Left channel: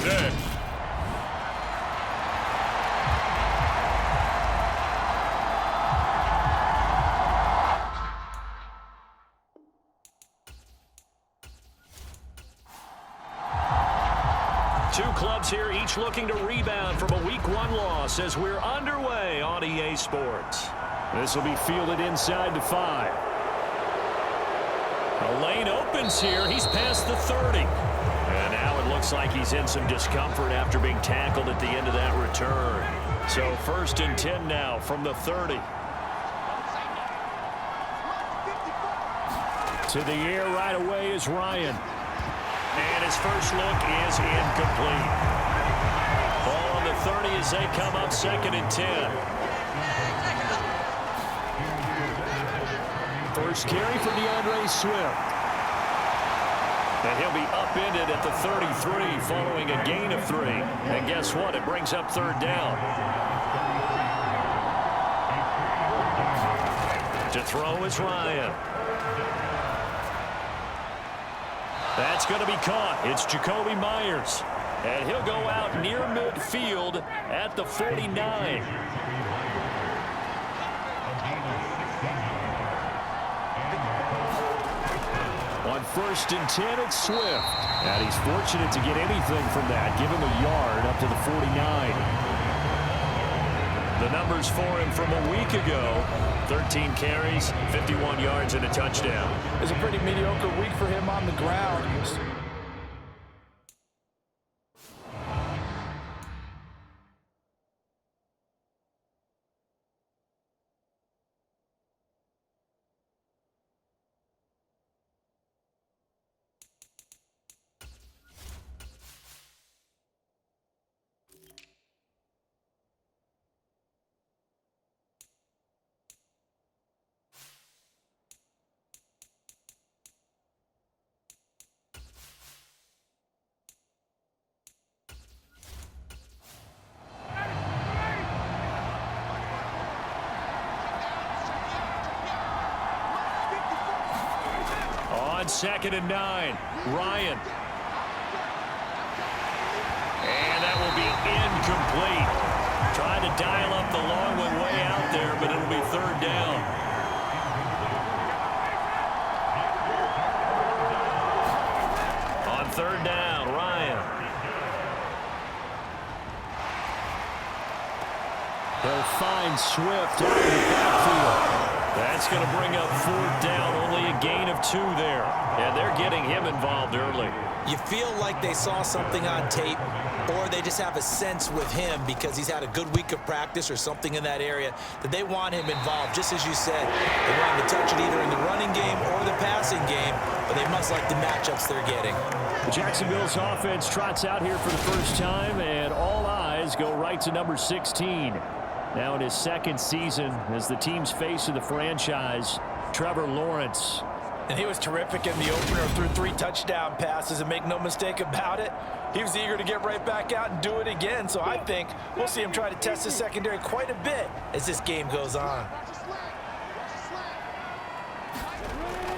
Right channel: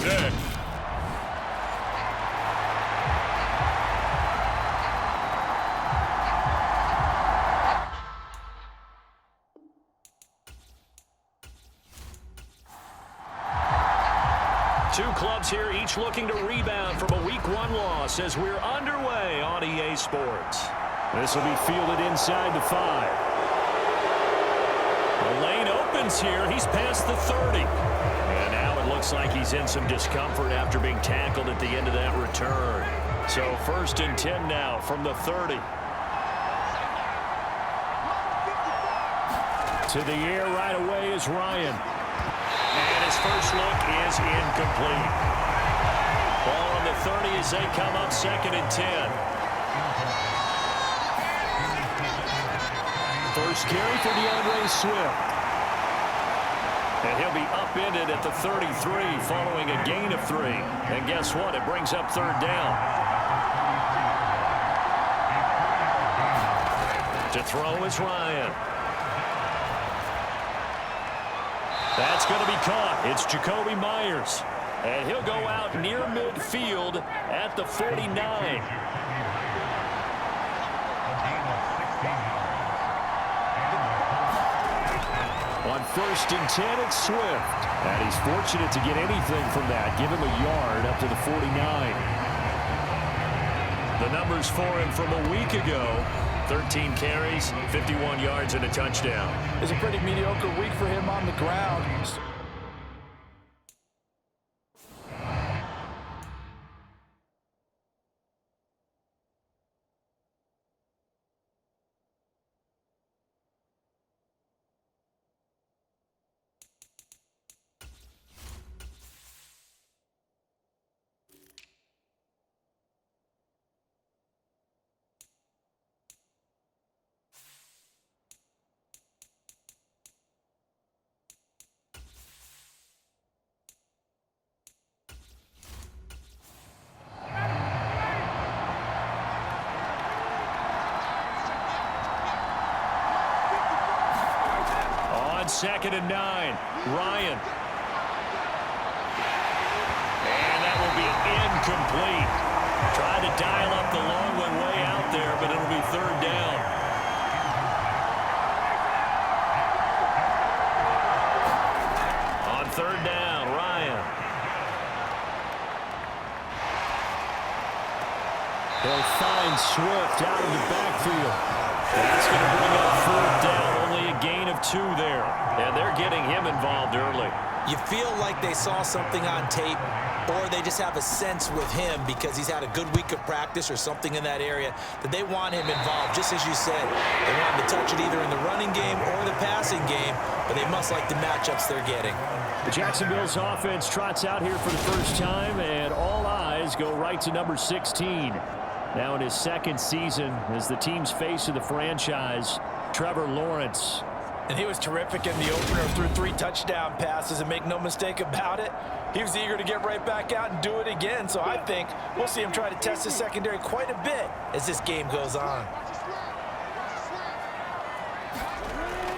today. Two clubs here, each looking to rebound from a Week 1 loss as we're underway on EA Sports. This will be fielded inside the 5. A lane opens here. He's past the 30. And now it looks like he's in some discomfort after being tackled at the end of that return. So 1st and 10 now from the 30. To the air right away is Ryan. And his first look is incomplete. Ball on the 30 as they come up 2nd and 10. First carry for DeAndre Swift. And he'll be upended at the 33 following a gain of 3. And guess what? It brings up 3rd down. To throw is Ryan. That's going to be caught. It's Jacoby Myers. And he'll go out near midfield at the 49. On 1st and 10, it's Swift. And he's fortunate to get anything from that. Give him a yard up to the 49. The numbers for him from a week ago: 13 carries, 51 yards, and a touchdown. It's a pretty mediocre week for him on the ground. On 2nd and 9, Ryan. And that will be incomplete. Tried to dial up the long one way out there, but it'll be 3rd down. On 3rd down, Ryan. He'll find Swift out of the backfield. That's going to bring up 4th down, only a gain of 2 there. And they're getting him involved early. You feel like they saw something on tape, or they just have a sense with him because he's had a good week of practice or something in that area that they want him involved. Just as you said, they want him to touch it either in the running game or the passing game, but they must like the matchups they're getting. The Jacksonville's offense trots out here for the first time, and all eyes go right to number 16. Now in his 2nd season as the team's face of the franchise, Trevor Lawrence. And he was terrific in the opener, threw 3 touchdown passes, and make no mistake about it, he was eager to get right back out and do it again. So I think we'll see him try to test his secondary quite a bit as this game goes on.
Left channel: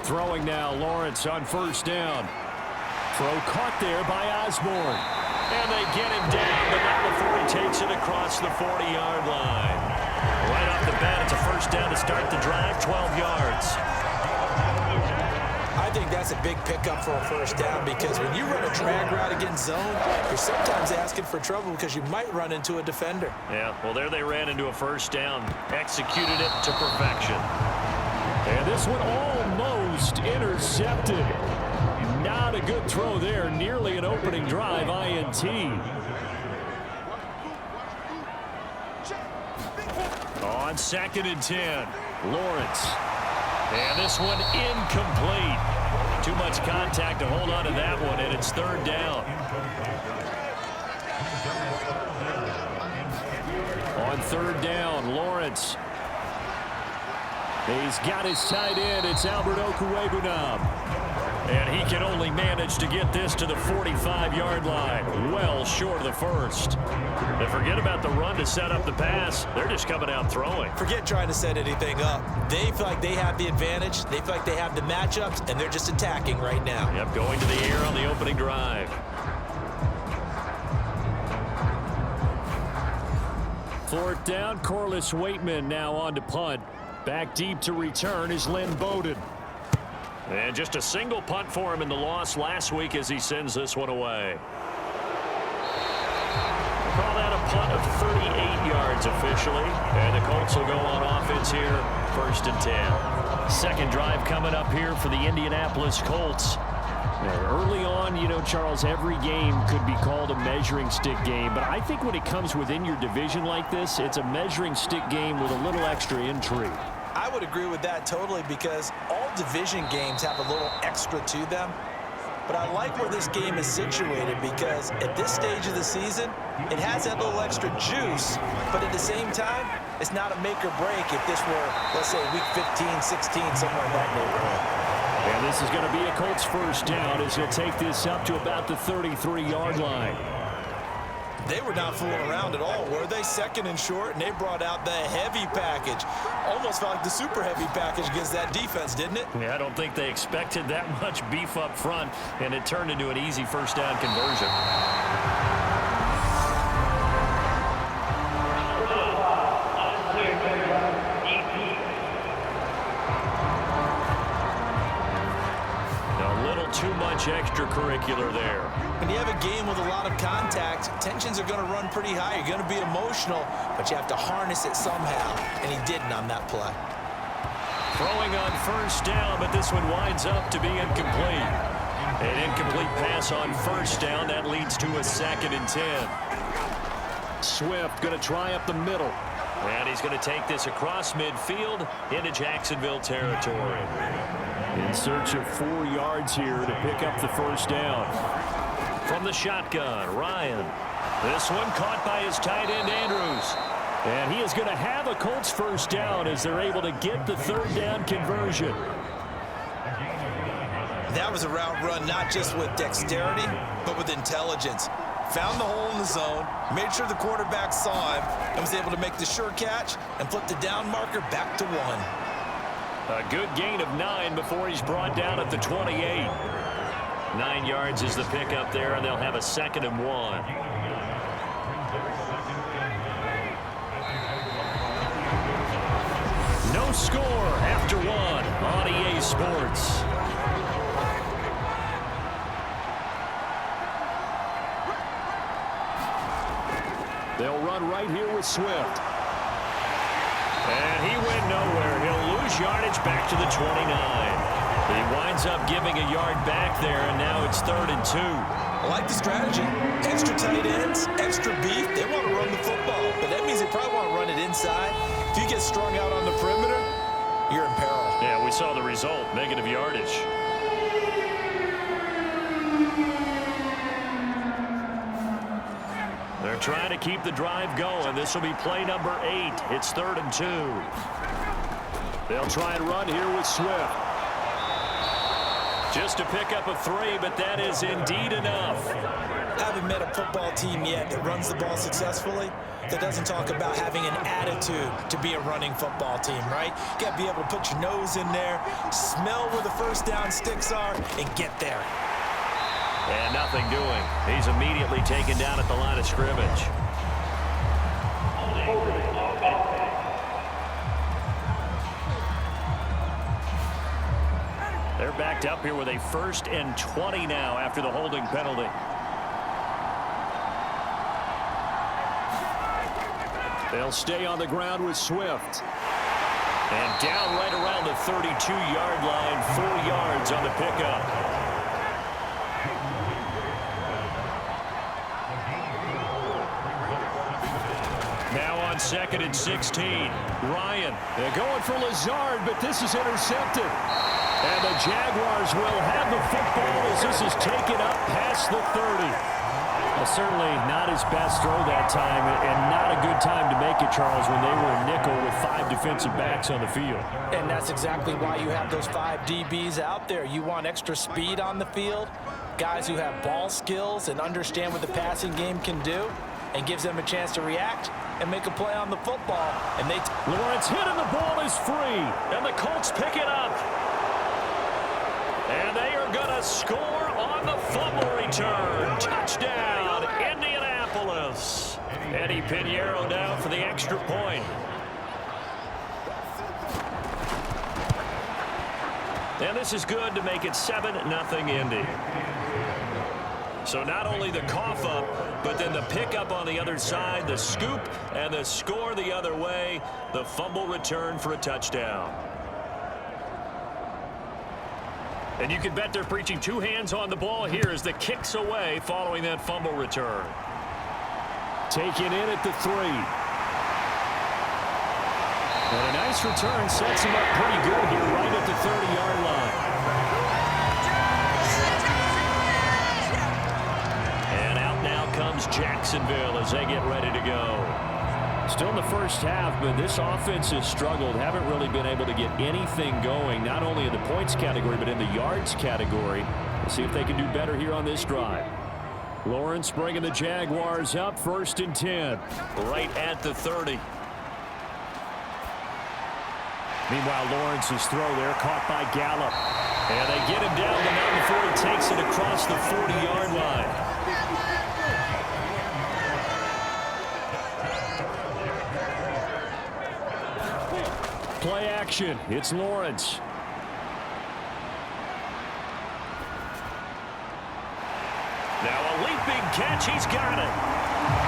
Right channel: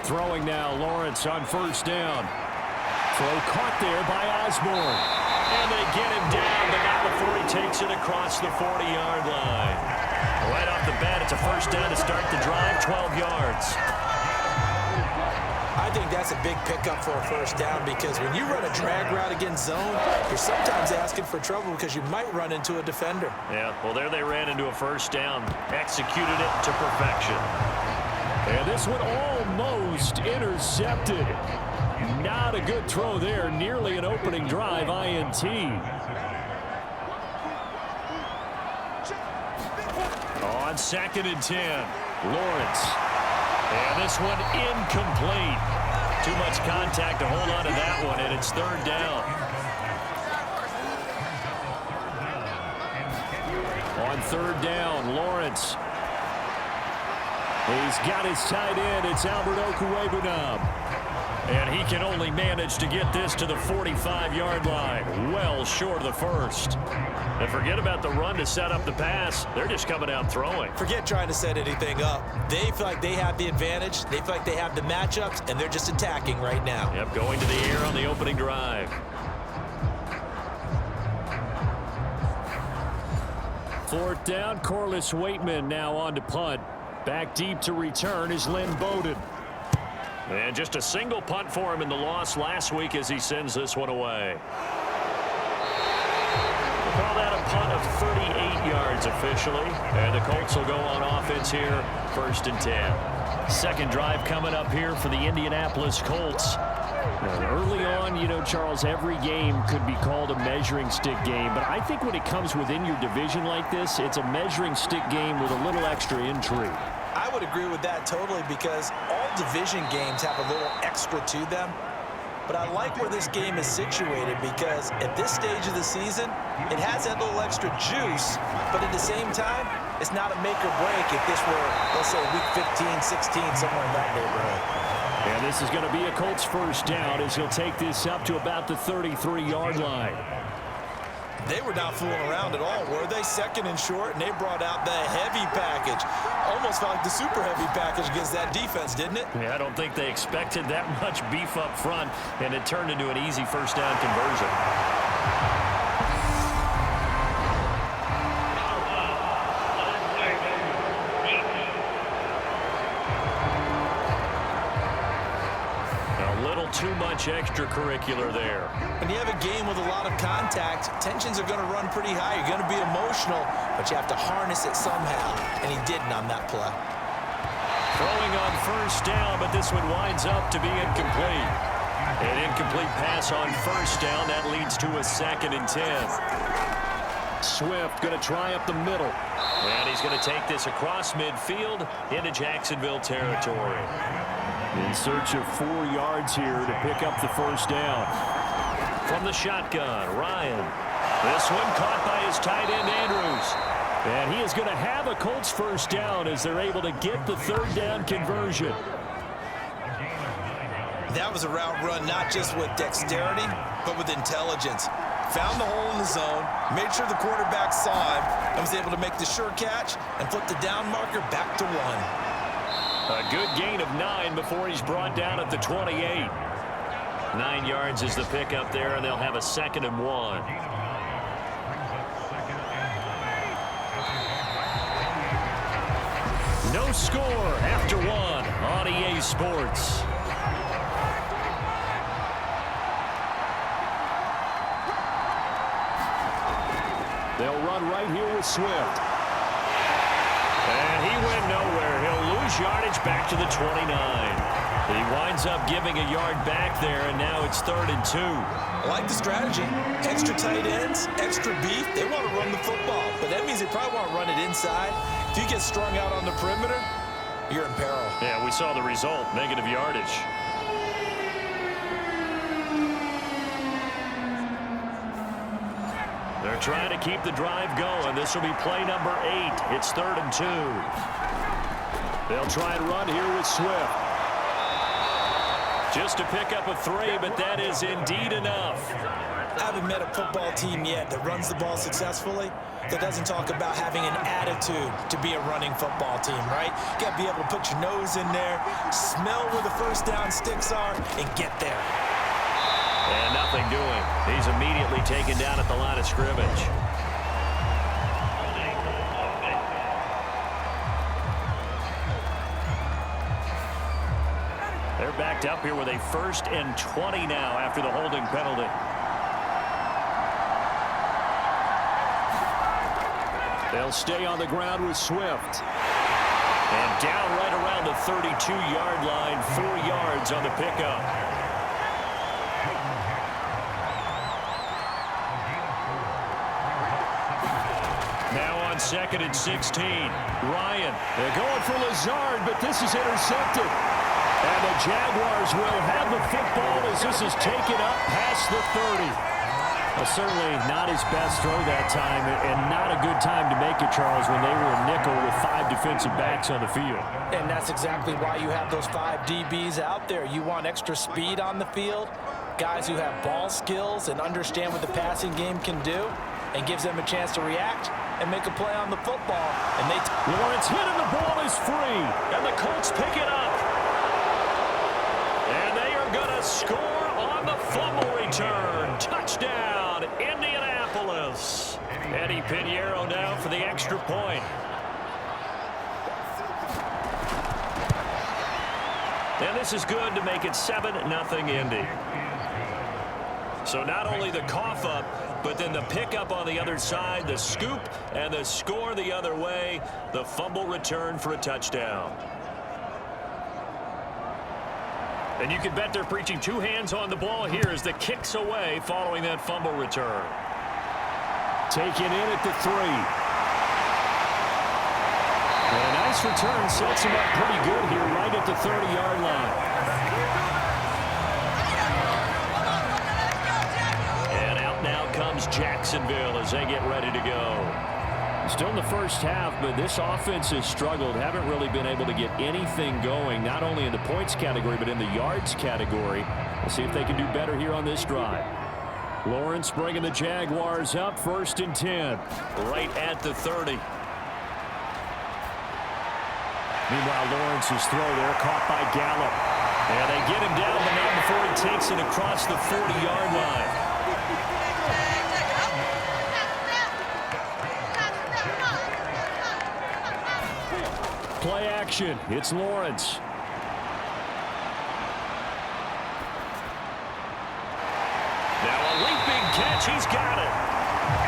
Throwing now, Lawrence on 1st down. Throw caught there by Osborne. And they get him down, but not before he takes it across the 40-yard line. Right off the bat, it's a 1st down to start the drive, 12 yards. I think that's a big pickup for a 1st down because when you run a drag route against zone, you're sometimes asking for trouble because you might run into a defender. Yeah, well, there they ran into a 1st down, executed it to perfection. And this one almost intercepted. Not a good throw there, nearly an opening drive INT. On 2nd and 10, Lawrence. And this one incomplete. Too much contact to hold on to that one, and it's 3rd down. On 3rd down, Lawrence. He's got his tight end. It's Albert Okwuegbunam. And he can only manage to get this to the 45-yard line, well short of the 1st. And forget about the run to set up the pass. They're just coming out throwing. Forget trying to set anything up. They feel like they have the advantage. They feel like they have the matchups, and they're just attacking right now. Yep, going to the air on the opening drive. Fourth down, Corliss Waitman now on to punt. Back deep to return is Lynn Bowden. And just a single punt for him in the loss last week as he sends this one away. We'll call that a punt of 38 yards officially. And the Colts will go on offense here, 1st and 10. Second drive coming up here for the Indianapolis Colts. Now, early on, you know, Charles, every game could be called a measuring stick game. But I think when it comes within your division like this, it's a measuring stick game with a little extra intrigue. I would agree with that totally because all division games have a little extra to them. But I like where this game is situated because at this stage of the season, it has that little extra juice. But at the same time, it's not a make or break if this were, let's say, week 15, 16, somewhere in that neighborhood. And this is going to be a Colts first down as he'll take this up to about the 33-yard line. They were not fooling around at all, were they? Second and short, and they brought out the heavy package. Almost felt like the super heavy package against that defense, didn't it? Yeah, I don't think they expected that much beef up front, and it turned into an easy first down conversion. Too much extracurricular there. When you have a game with a lot of contact, tensions are going to run pretty high. You're going to be emotional, but you have to harness it somehow, and he didn't on that play. Throwing on first down, but this one winds up to be incomplete. An incomplete pass on first down. That leads to a 2nd and 10. Swift going to try up the middle. And he's going to take this across midfield into Jacksonville territory. In search of 4 yards here to pick up the first down. From the shotgun, Ryan. This one caught by his tight end, Andrews. And he is going to have a Colts first down as they're able to get the 3rd down conversion. That was a route run not just with dexterity, but with intelligence. Found the hole in the zone, made sure the quarterback saw him, and was able to make the sure catch and flip the down marker back to 1. A good gain of 9 before he's brought down at the 28. 9 yards is the pickup there, and they'll have a 2nd and 1. No score after 1 on EA Sports. They'll run right here with Swift. And he went nowhere. He'll lose yardage back to the 29. He winds up giving a yard back there, and now it's 3rd and 2. I like the strategy. Extra tight ends, extra beef. They want to run the football, but that means they probably want to run it inside. If you get strung out on the perimeter, you're in peril. Yeah, we saw the result, negative yardage. They're trying to keep the drive going. This will be play number 8. It's 3rd and 2. They'll try and run here with Swift. Just to pick up a 3, but that is indeed enough. I haven't met a football team yet that runs the ball successfully that doesn't talk about having an attitude to be a running football team, right? You got to be able to put your nose in there, smell where the first down sticks are, and get there. And nothing doing. He's immediately taken down at the line of scrimmage. They're backed up here with a 1st and 20 now after the holding penalty. They'll stay on the ground with Swift. And down right around the 32-yard line, 4 yards on the pickup. Now on 2nd and 16. Ryan. They're going for Lazard, but this is intercepted. And the Jaguars will have the football as this is taken up past the 30. Well, certainly not his best throw that time, and not a good time to make it, Charles, when they were a nickel with 5 defensive backs on the field. And that's exactly why you have those 5 DBs out there. You want extra speed on the field, guys who have ball skills and understand what the passing game can do, and gives them a chance to react and make a play on the football. And Lawrence hit and the ball is free. And the Colts pick it up. And they are going to score on the fumble return. Touchdown, Indianapolis. Eddie Pinheiro now for the extra point. And this is good to make it 7-0 Indy. So not only the cough up, but then the pickup on the other side, the scoop, and the score the other way, the fumble return for a touchdown. And you can bet they're preaching two hands on the ball here as the kick's away following that fumble return. Taken in at the 3. And a nice return sets him up pretty good here right at the 30-yard line. And out now comes Jacksonville as they get ready to go. Still in the first half, but this offense has struggled. Haven't really been able to get anything going, not only in the points category, but in the yards category. We'll see if they can do better here on this drive. Lawrence bringing the Jaguars up, 1st and 10. Right at the 30. Meanwhile, Lawrence's throw there caught by Gallup. And they get him down, but not before he takes it across the 40-yard line. Play action. It's Lawrence. Now a leaping catch. He's got it.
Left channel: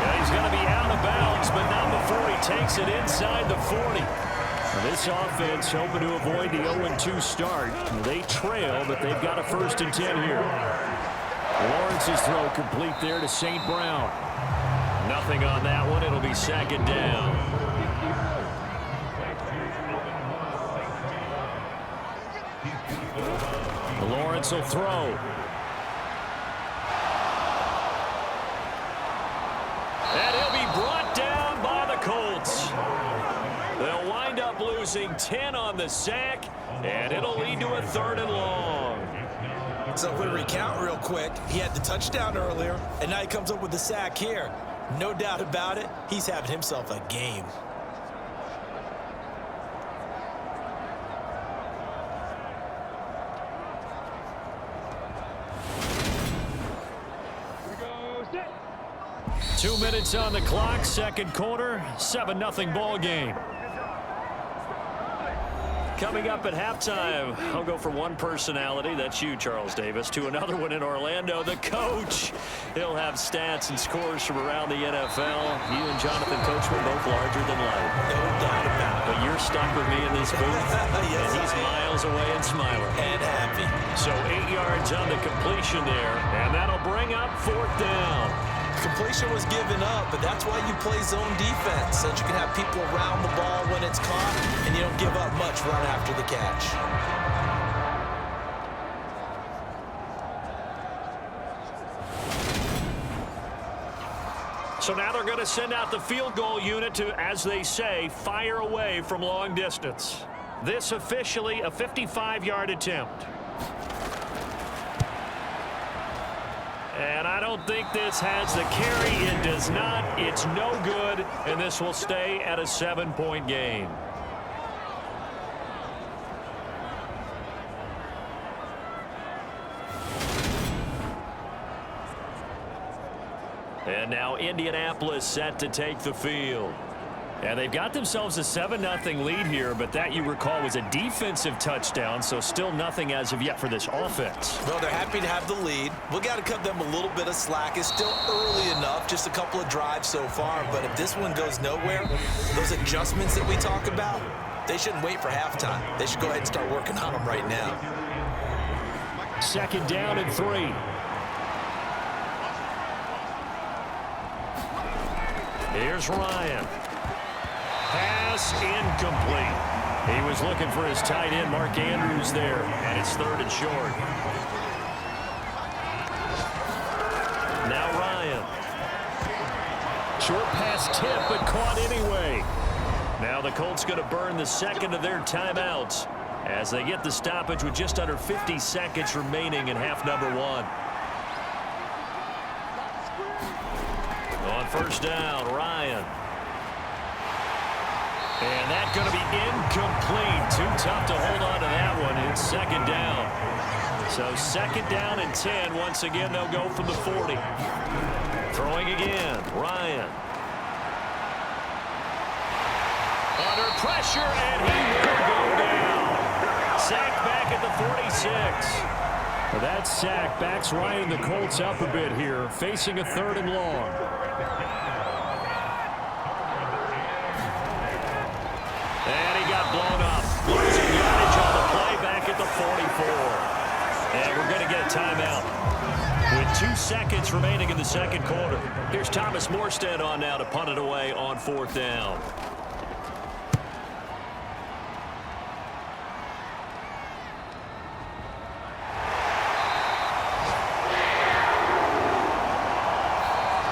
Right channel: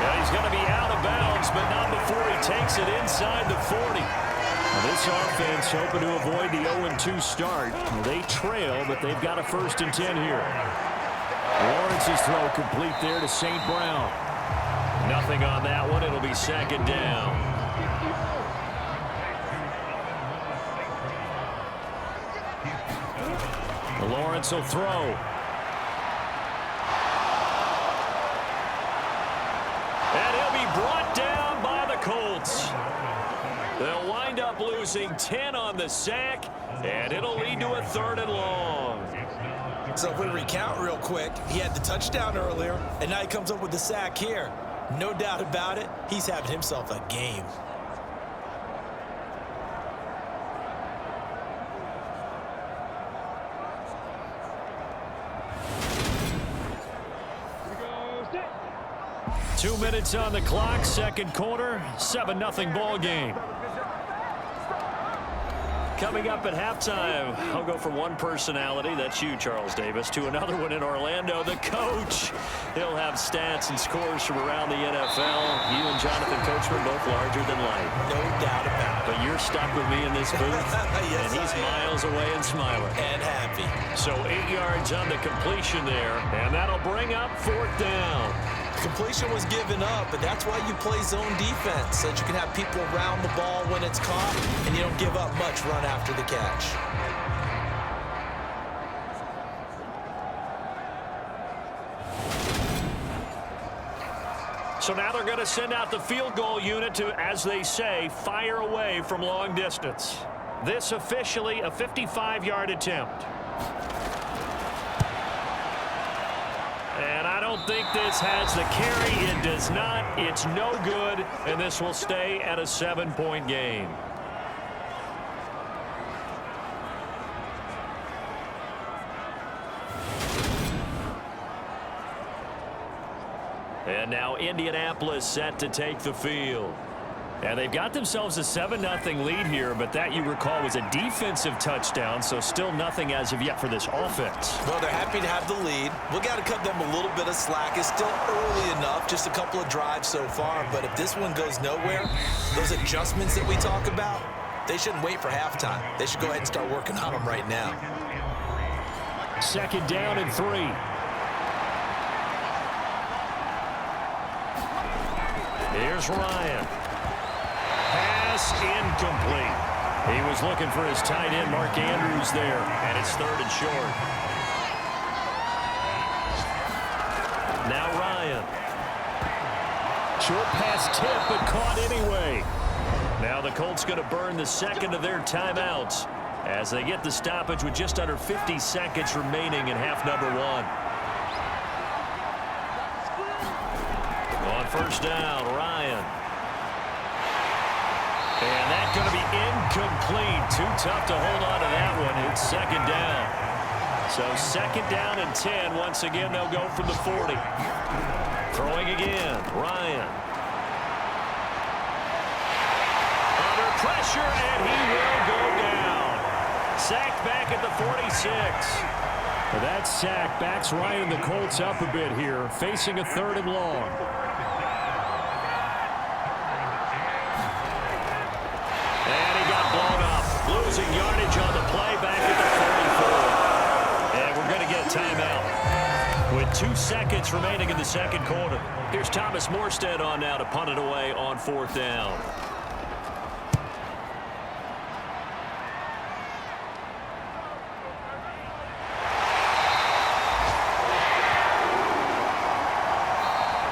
Yeah, he's going to be out of bounds, but not before he takes it inside the 40. Now this offense hoping to avoid the 0-2 start. They trail, but they've got a 1st and 10 here. Lawrence's throw complete there to St. Brown. Nothing on that one. It'll be 2nd down. Lawrence will throw. And he'll be brought down by the Colts. They'll wind up losing 10 on the sack, and it'll lead to a 3rd and long. So if we recount real quick, he had the touchdown earlier, and now he comes up with the sack here. No doubt about it, he's having himself a game. Here we go, set. 2 minutes on the clock, 2nd quarter, 7-0 ball game. Coming up at halftime, I'll go from one personality, that's you, Charles Davis, to another one in Orlando, the coach. He'll have stats and scores from around the NFL. You and Jonathan Coachman both larger than life. No doubt about it. But you're stuck with me in this booth, yes, and he's miles away and smiling. And happy. So 8 yards on the completion there, and that'll bring up 4th down. Completion was given up, but that's why you play zone defense, so that you can have people around the ball when it's caught, and you don't give up much run after the catch. So now they're going to send out the field goal unit to, as they say, fire away from long distance. This officially a 55-yard attempt. And I don't think this has the carry. It does not. It's no good, and this will stay at a 7-point game. And now Indianapolis set to take the field. And they've got themselves a 7-0 lead here, but that, you recall, was a defensive touchdown, so still nothing as of yet for this offense. Well, they're happy to have the lead. We got to cut them a little bit of slack. It's still early enough, just a couple of drives so far, but if this one goes nowhere, those adjustments that we talk about, they shouldn't wait for halftime. They should go ahead and start working on them right now. 2nd down and 3. Here's Ryan. Pass incomplete. He was looking for his tight end, Mark Andrews, there, and it's 3rd and short. Now Ryan. Short pass tip, but caught anyway. Now the Colts going to burn the 2nd of their timeouts as they get the stoppage with just under 50 seconds remaining in half number 1. On 1st down, Ryan. And that's going to be incomplete. Too tough to hold on to that one. It's 2nd down. So 2nd down and 10. Once again, they'll go from the 40. Throwing again, Ryan. pressure, and he will go down. Sacked back at the 46. That sack backs Ryan and the Colts up a bit here, facing a 3rd and long. And he got blown up. Losing yardage on the play back at the 44. And we're going to get a timeout with 2 seconds remaining in the second quarter. Here's Thomas Morstead on now to punt it away on 4th down.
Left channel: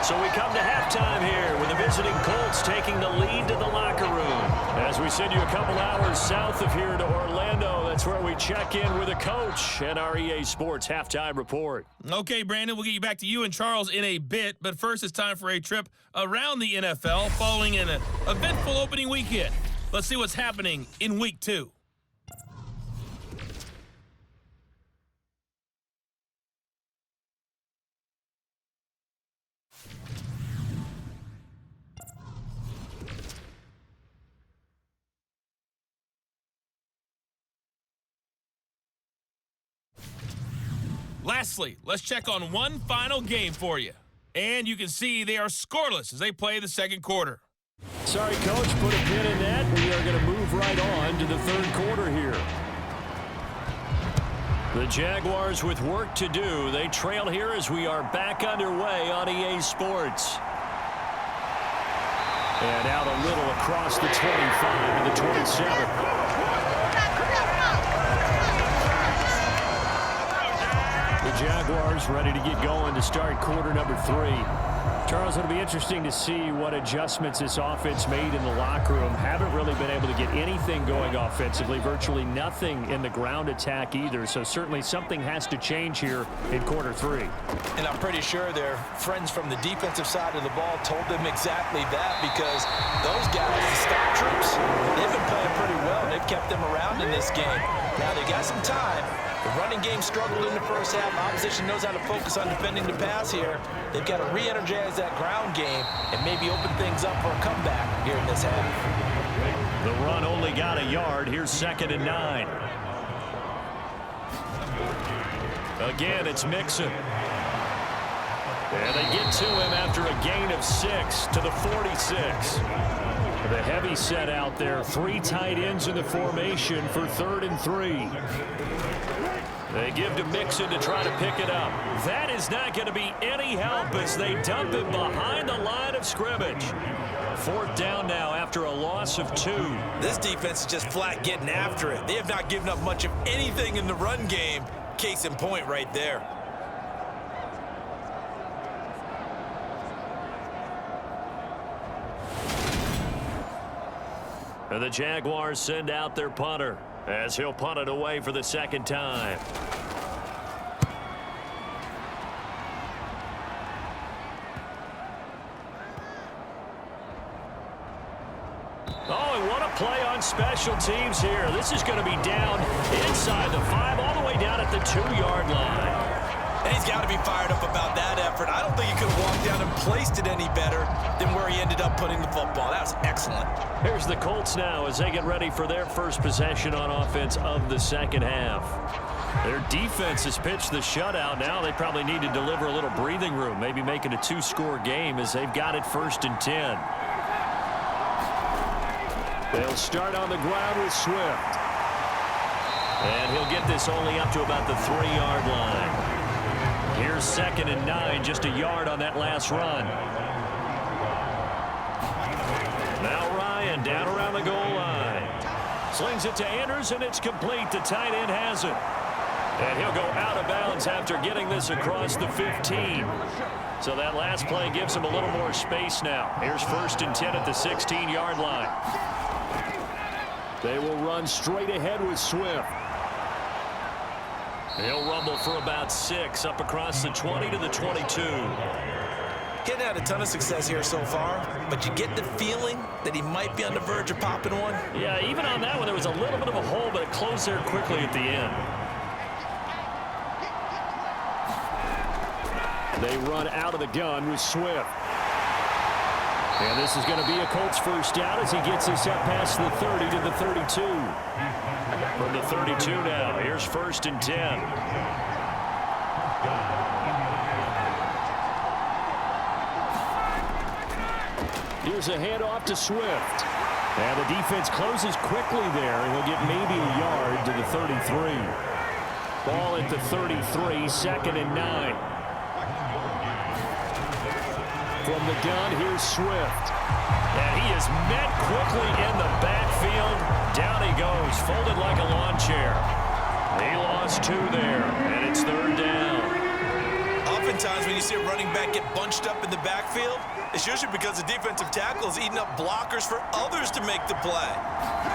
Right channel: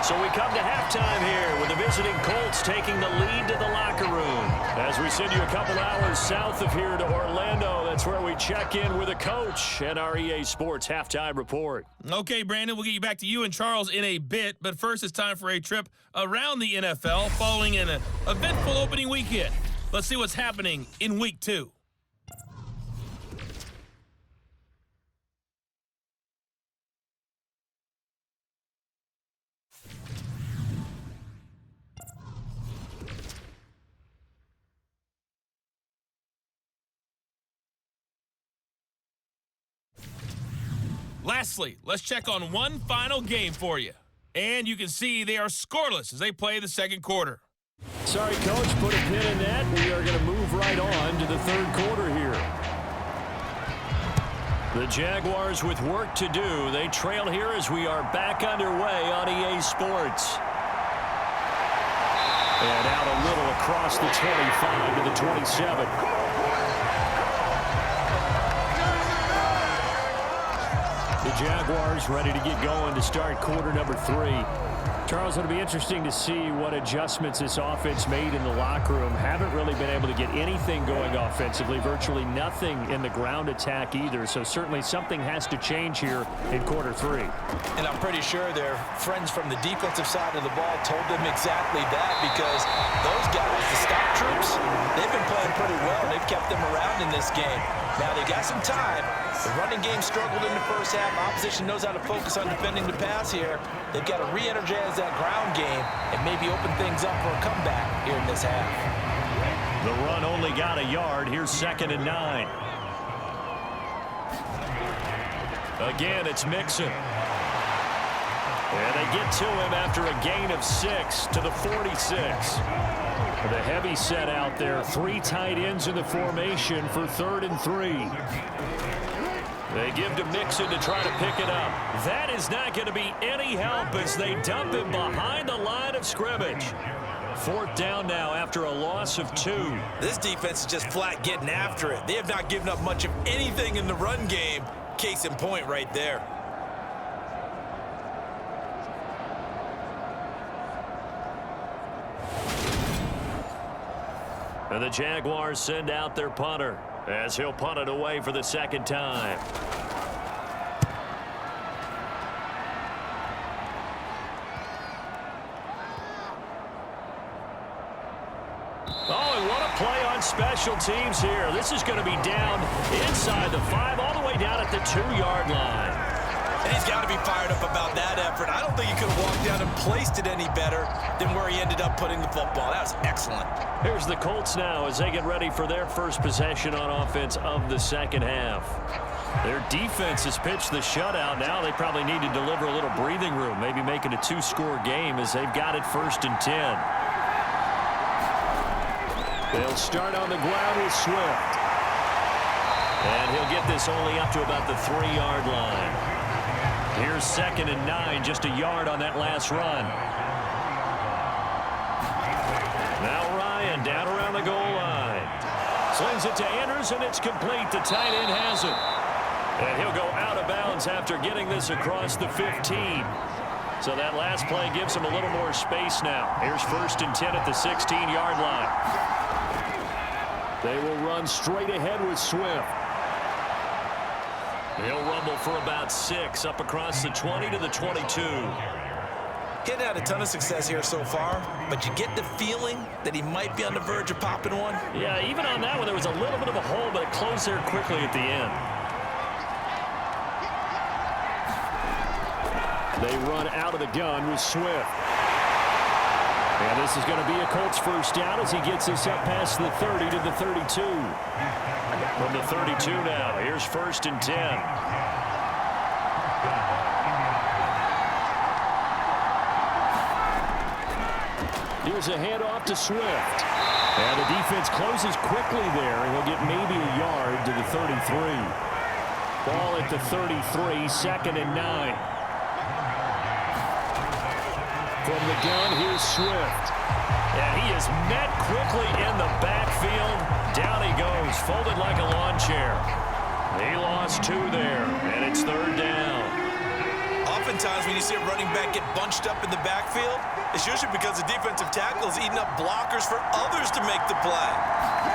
So we come to halftime here with the visiting Colts taking the lead to the locker room. As we send you a couple hours south of here to Orlando, that's where we check in with a coach and our EA Sports halftime report. Okay, Brandon, we'll get you back to you and Charles in a bit, but first it's time for a trip around the NFL following an eventful opening weekend. Let's see what's happening in Week 2. Lastly, let's check on one final game for you. And you can see they are scoreless as they play the second quarter. Sorry, Coach, put a pin in that. We are going to move right on to the 3rd quarter here. The Jaguars with work to do. They trail here as we are back underway on EA Sports. And out a little across the 25 to the 27. The Jaguars ready to get going to start quarter number 3. Charles, it'll be interesting to see what adjustments this offense made in the locker room. Haven't really been able to get anything going offensively, virtually nothing in the ground attack either. So certainly something has to change here in quarter 3. And I'm pretty sure their friends from the defensive side of the ball told them exactly that, because those guys, the stop troops, they've been playing pretty well. They've kept them around in this game. Now they got some time. The running game struggled in the first half. Opposition knows how to focus on defending the pass here. They've got to re-energize that ground game and maybe open things up for a comeback here in this half. The run only got a yard. Here's 2nd and 9. Again, it's Mixon. And they get to him after a gain of 6 to the 46. The heavy set out there. 3 tight ends in the formation for 3rd and 3. They give to Mixon to try to pick it up. That is not going to be any help as they dump him behind the line of scrimmage. 4th down now after a loss of 2. This defense is just flat getting after it. They have not given up much of anything in the run game. Case in point right there. And the Jaguars send out their punter as he'll punt it away for the 2nd time. Oh, and what a play on special teams here. This is going to be down inside the 5, all the way down at the 2-yard line. And he's got to be fired up about that effort. I don't think he could have walked down and placed it any better than where he ended up putting the football. That was excellent. Here's the Colts now as they get ready for their first possession on offense of the second half. Their defense has pitched the shutout. Now they probably need to deliver a little breathing room, maybe make it a 2-score game as they've got it 1st and 10. They'll start on the ground with Swift. And he'll get this only up to about the 3-yard line. Here's 2nd and 9, just a yard on that last run. Now Ryan down around the goal line. Slings it to Andrews, and it's complete. The tight end has it. And he'll go out of bounds after getting this across the 15. So that last play gives him a little more space now. Here's 1st and 10 at the 16-yard line. They will run straight ahead with Swift. He'll rumble for about 6 up across the 20 to the 22. Getting had a ton of success here so far, but you get the feeling that he might be on the verge of popping one. Yeah, even on that one, there was a little bit of a hole, but it closed there quickly at the end. They run out of the gun with Swift. And this is going to be a Colts first down as he gets this up past the 30 to the 32. From the 32 now, here's 1st and 10. Here's a handoff to Swift. And the defense closes quickly there, and he'll get maybe a yard to the 33. Ball at the 33, 2nd and 9. From the gun, here's Swift. And he is met quickly in the backfield. Down he goes, folded like a lawn chair. He lost 2 there, and it's 3rd down. Oftentimes when you see a running back get bunched up in the backfield, it's usually because the defensive tackle is eating up blockers for others to make the play.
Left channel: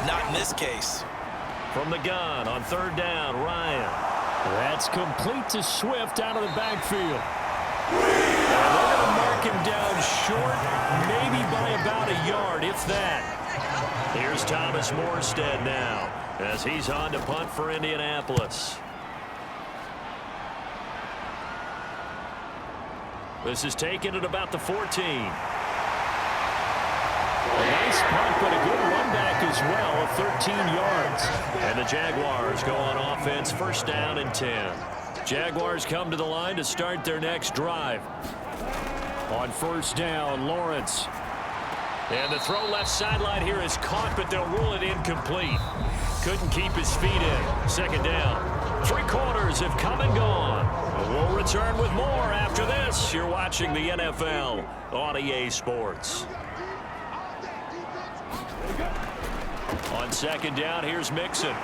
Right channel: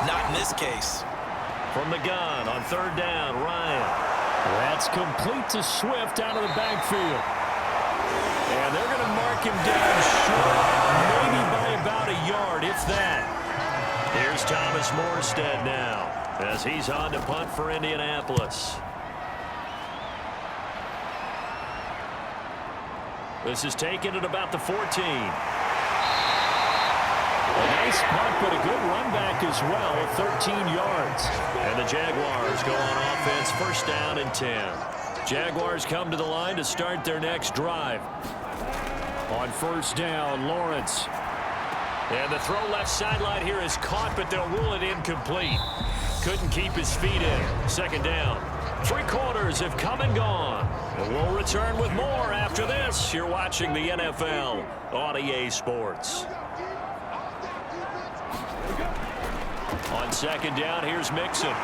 Not in this case. From the gun on 3rd down, Ryan. That's complete to Swift out of the backfield. And they're going to mark him down short, maybe by about a yard, if that. Here's Thomas Morstead now as he's on to punt for Indianapolis. This is taken at about the 14. A nice punt, but a good run back as well of 13 yards. And the Jaguars go on offense, 1st down and 10. Jaguars come to the line to start their next drive. On 1st down, Lawrence. And the throw left sideline here is caught, but they'll rule it incomplete. Couldn't keep his feet in. 2nd down. 3 quarters have come and gone. We'll return with more after this. You're watching the NFL on EA Sports. On 2nd down, here's Mixon.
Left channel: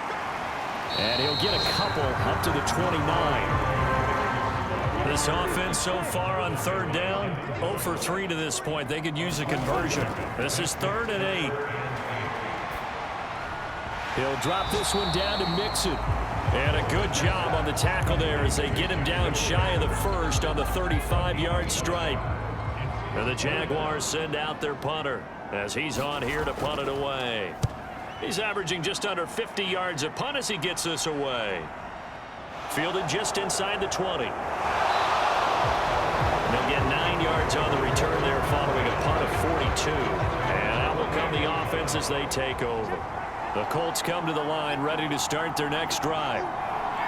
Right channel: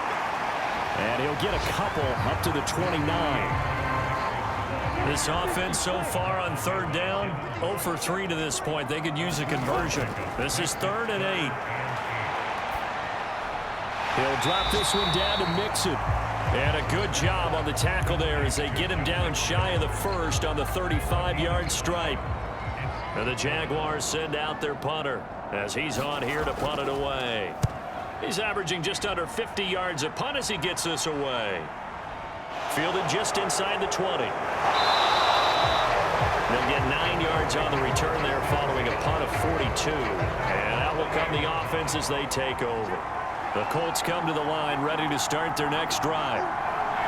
And he'll get a couple up to the 29. This offense so far on 3rd down, 0 for 3 to this point. They could use a conversion. This is 3rd and 8. He'll drop this one down to Mixon. And a good job on the tackle there as they get him down shy of the 1st on the 35-yard stripe. And the Jaguars send out their punter as he's on here to punt it away. He's averaging just under 50 yards a punt as he gets this away. Fielded just inside the 20. They'll get 9 yards on the return there following a punt of 42. And out will come the offense as they take over. The Colts come to the line ready to start their next drive.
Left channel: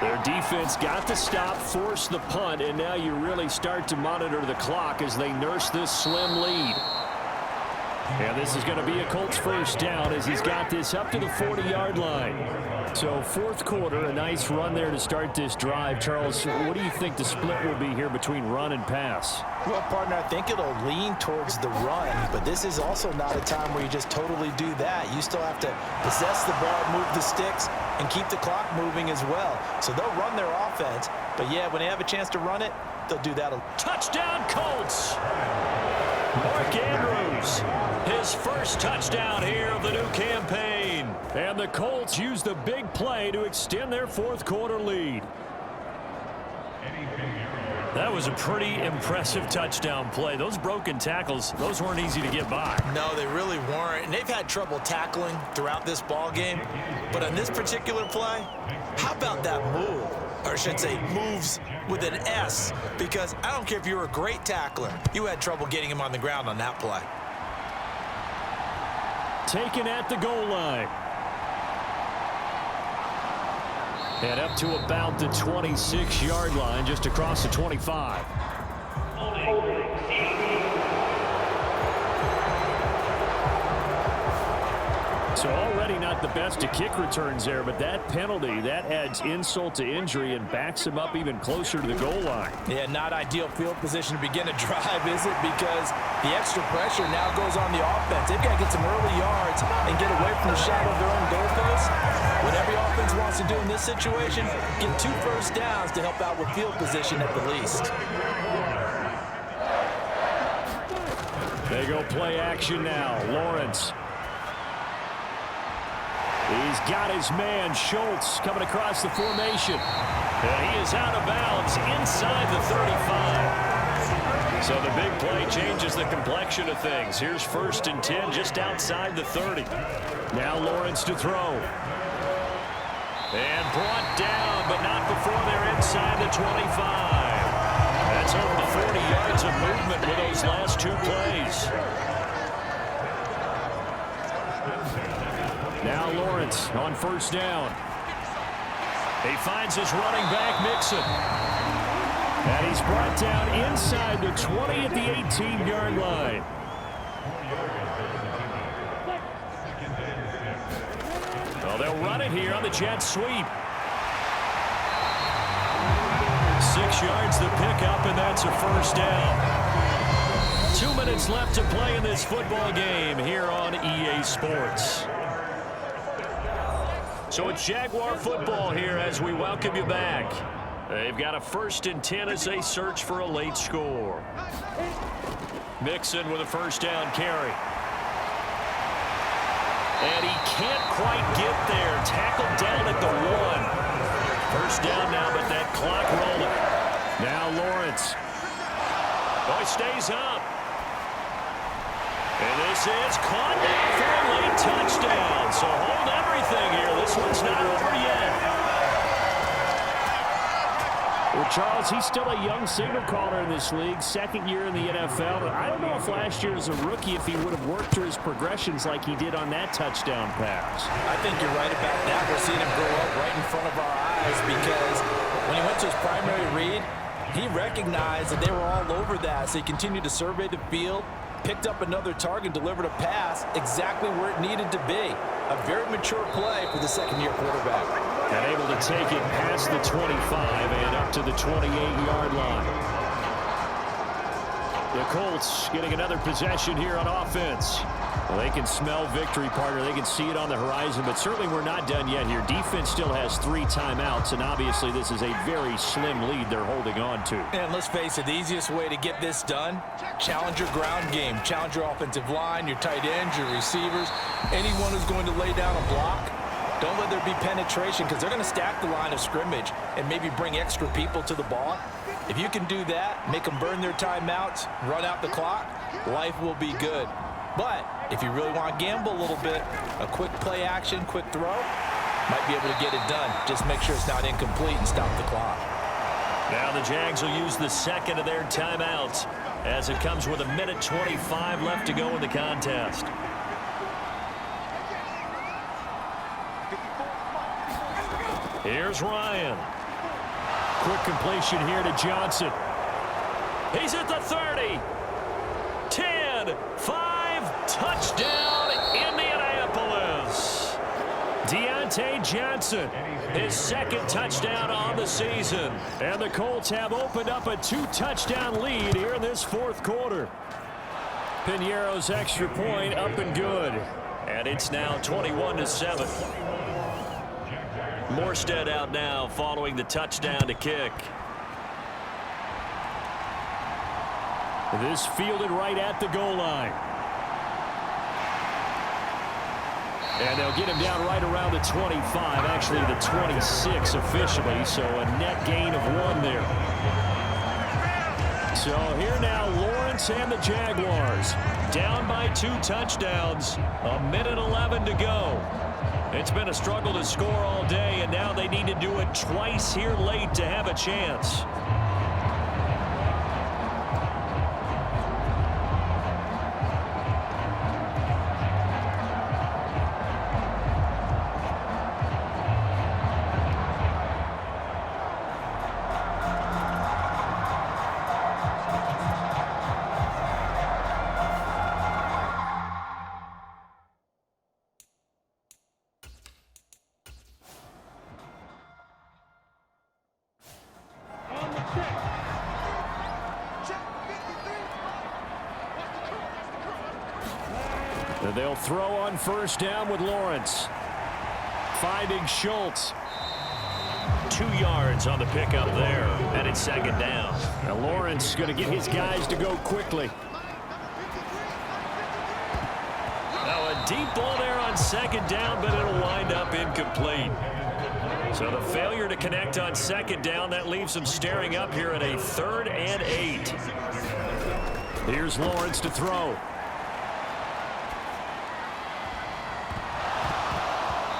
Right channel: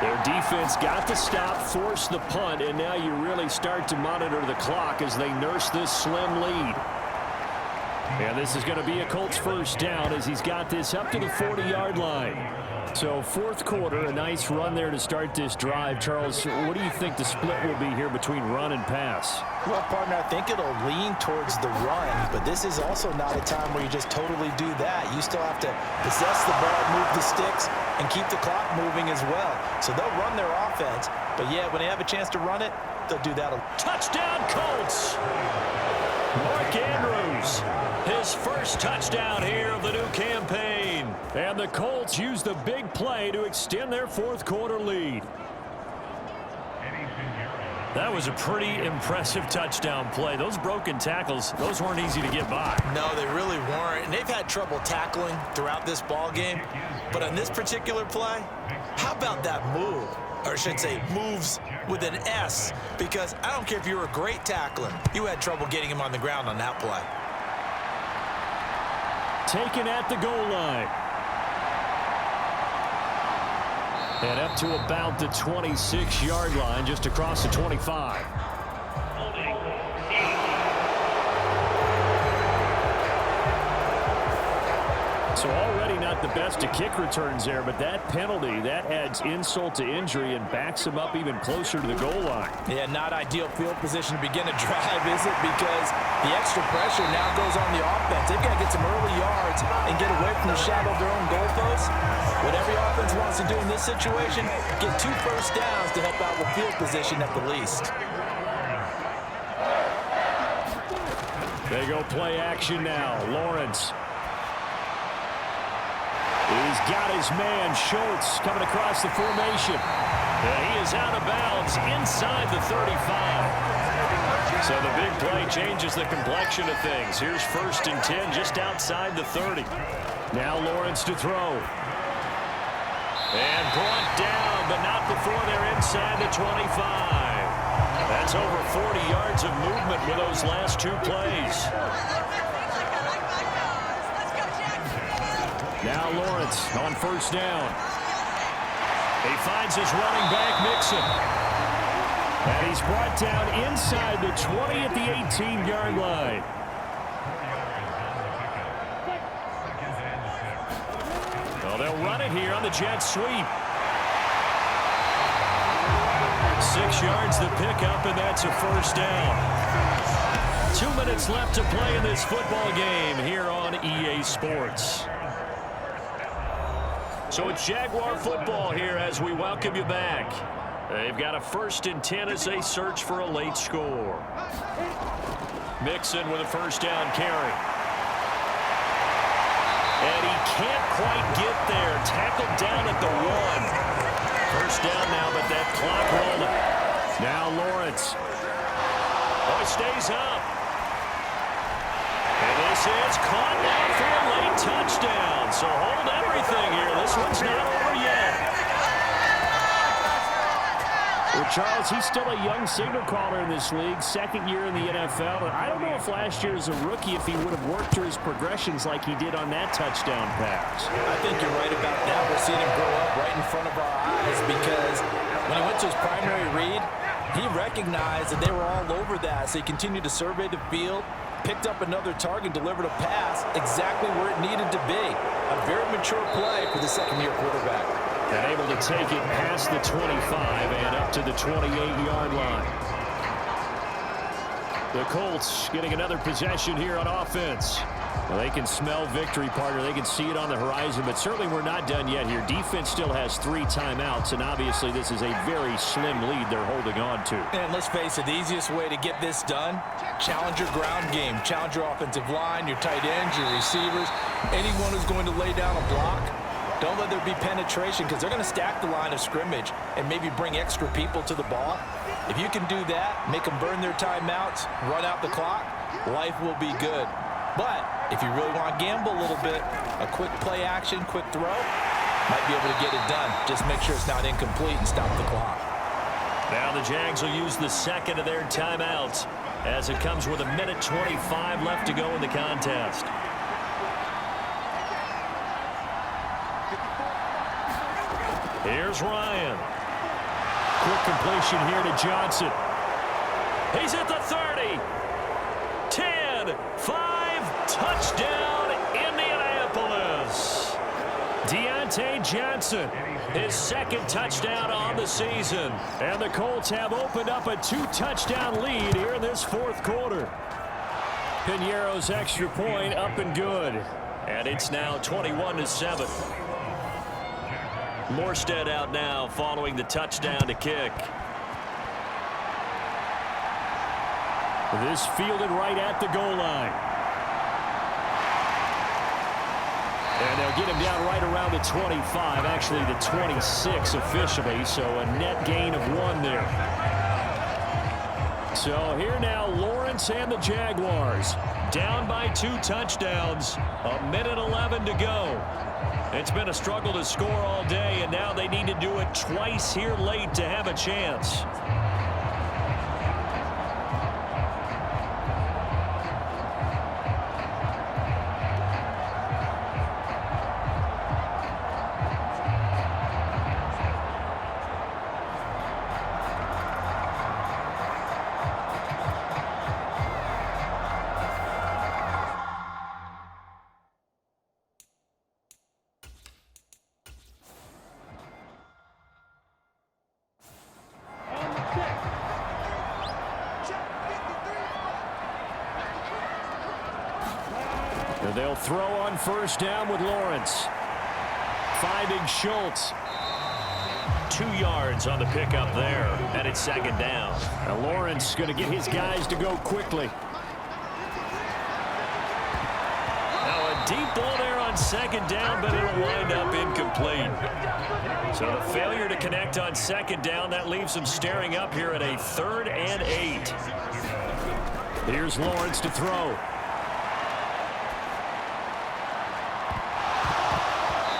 Their defense got the stop, forced the punt, and now you really start to monitor the clock as they nurse this slim lead. And this is going to be a Colts first down as he's got this up to the 40-yard line. So 4th quarter, a nice run there to start this drive. Charles, what do you think the split will be here between run and pass? Well, partner, I think it'll lean towards the run, but this is also not a time where you just totally do that. You still have to possess the ball, move the sticks, and keep the clock moving as well. So they'll run their offense, but yeah, when they have a chance to run it, they'll do that. Touchdown, Colts! Mark Andrews, his first touchdown here of the new campaign. And the Colts use the big play to extend their 4th quarter lead. That was a pretty impressive touchdown play. Those broken tackles, those weren't easy to get by. No, they really weren't. And they've had trouble tackling throughout this ball game. But on this particular play, how about that move? Or I should say moves with an S, because I don't care if you're a great tackler. You had trouble getting him on the ground on that play. Taken at the goal line. And up to about the 26-yard line, just across the 25. So already not the best to kick returns there, but that penalty, that adds insult to injury and backs him up even closer to the goal line. Yeah, not ideal field position to begin a drive, is it? Because the extra pressure now goes on the offense. They've got to get some early yards and get away from the shadow of their own goalposts. What every offense wants to do in this situation, get 2 first downs to help out with field position at the least. They go play action now. Lawrence. He's got his man, Schultz, coming across the formation. And he is out of bounds inside the 35. So the big play changes the complexion of things. Here's 1st and 10 just outside the 30. Now Lawrence to throw. And brought down, but not before they're inside the 25. That's over 40 yards of movement with those last 2 plays. Now Lawrence on first down. He finds his running back, Mixon. And he's brought down inside the 20 at the 18-yard line. Well, they'll run it here on the jet sweep. 6 yards the pickup, and that's a first down. 2 minutes left to play in this football game here on EA Sports. So it's Jaguar football here as we welcome you back. They've got a 1st and 10 as they search for a late score. Mixon with a first down carry. And he can't quite get there. Tackled down at the 1. First down now, but that clock rolling. Now Lawrence. Oh, he stays up. And this is caught now for a late touchdown. So hold everything here. This one's not over yet. Well, Charles, he's still a young signal caller in this league, 2nd year in the NFL. I don't know if last year as a rookie, if he would have worked through his progressions like he did on that touchdown pass. I think you're right about that. We're seeing him grow up right in front of our eyes because when he went to his primary read, he recognized that they were all over that. So he continued to survey the field, picked up another target, delivered a pass exactly where it needed to be. A very mature play for the 2nd-year quarterback. And able to take it past the 25 and up to the 28-yard line. The Colts getting another possession here on offense. Well, they can smell victory, partner. They can see it on the horizon, but certainly we're not done yet here. Defense still has 3 timeouts, and obviously this is a very slim lead they're holding on to. And let's face it, the easiest way to get this done, challenge your ground game. Challenge your offensive line, your tight ends, your receivers, anyone who's going to lay down a block. Don't let there be penetration because they're going to stack the line of scrimmage and maybe bring extra people to the ball. If you can do that, make them burn their timeouts, run out the clock, life will be good. But if you really want to gamble a little bit, a quick play action, quick throw, might be able to get it done. Just make sure it's not incomplete and stop the clock. Now the Jags will use the 2nd of their timeouts as it comes with 1:25 left to go in the contest. Here's Ryan. Quick completion here to Johnson. He's at the 30. 10, 5, touchdown, Indianapolis. Deontay Johnson, His 2nd touchdown on the season. and the Colts have opened up a 2-touchdown lead here in this 4th quarter. Piñeiro's extra point up and good. And it's now 21-7. Morstead out now following the touchdown to kick. This fielded right at the goal line. And they'll get him down right around the 25, actually the 26 officially, so a net gain of 1 there. So here now Lawrence and the Jaguars. Down by 2 touchdowns. 1:11 to go. It's been a struggle to score all day, and now they need to do it twice here late to have a chance. And they'll throw on first down with Lawrence. Finding Schultz. 2 yards on the pickup there, and it's 2nd down. Now Lawrence going to get his guys to go quickly. Now a deep ball there on 2nd down, but it'll wind up incomplete. So the failure to connect on 2nd down, that leaves them staring up here at a 3rd and 8. Here's Lawrence to throw.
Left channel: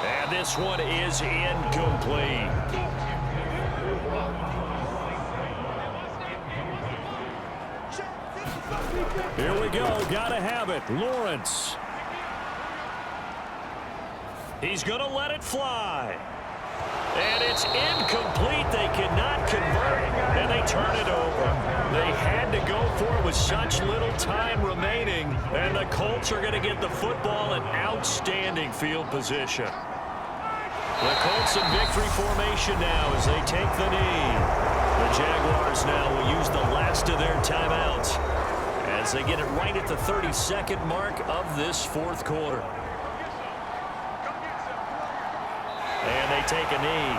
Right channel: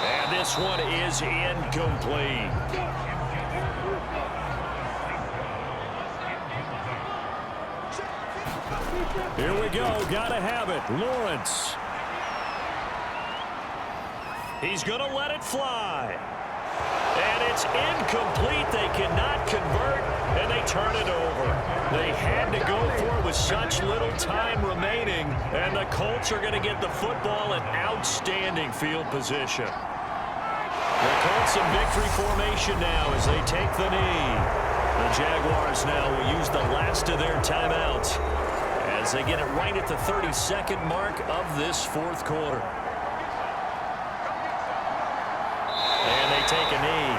And this one is incomplete. Here we go. Gotta have it. Lawrence. He's going to let it fly. And it's incomplete. They cannot convert, and they turn it over. They had to go for it with such little time remaining, and the Colts are going to get the football in outstanding field position. The Colts in victory formation now as they take the knee. The Jaguars now will use the last of their timeouts as they get it right at the 32nd mark of this fourth quarter. And they take a knee.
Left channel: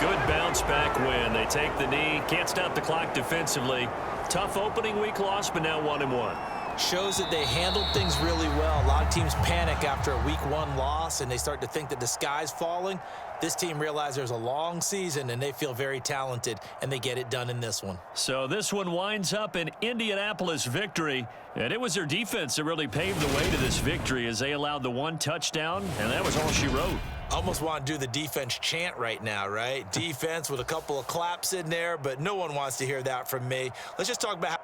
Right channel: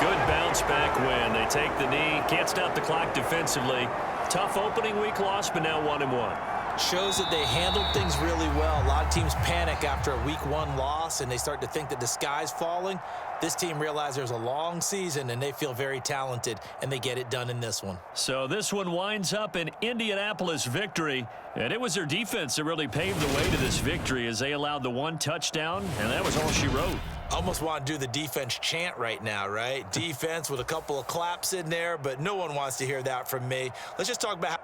Good bounce back win. They take the knee. Can't stop the clock defensively. Tough opening week loss, but now 1-1. Shows that they handled things really well. A lot of teams panic after a week 1 loss, and they start to think that the sky's falling. This team realized there's a long season, and they feel very talented, and they get it done in this one. So this one winds up an Indianapolis victory, and it was their defense that really paved the way to this victory as they allowed the 1 touchdown, and that was all she wrote. Almost want to do the defense chant right now, right? Defense with a couple of claps in there, but no one wants to hear that from me. Let's just talk about how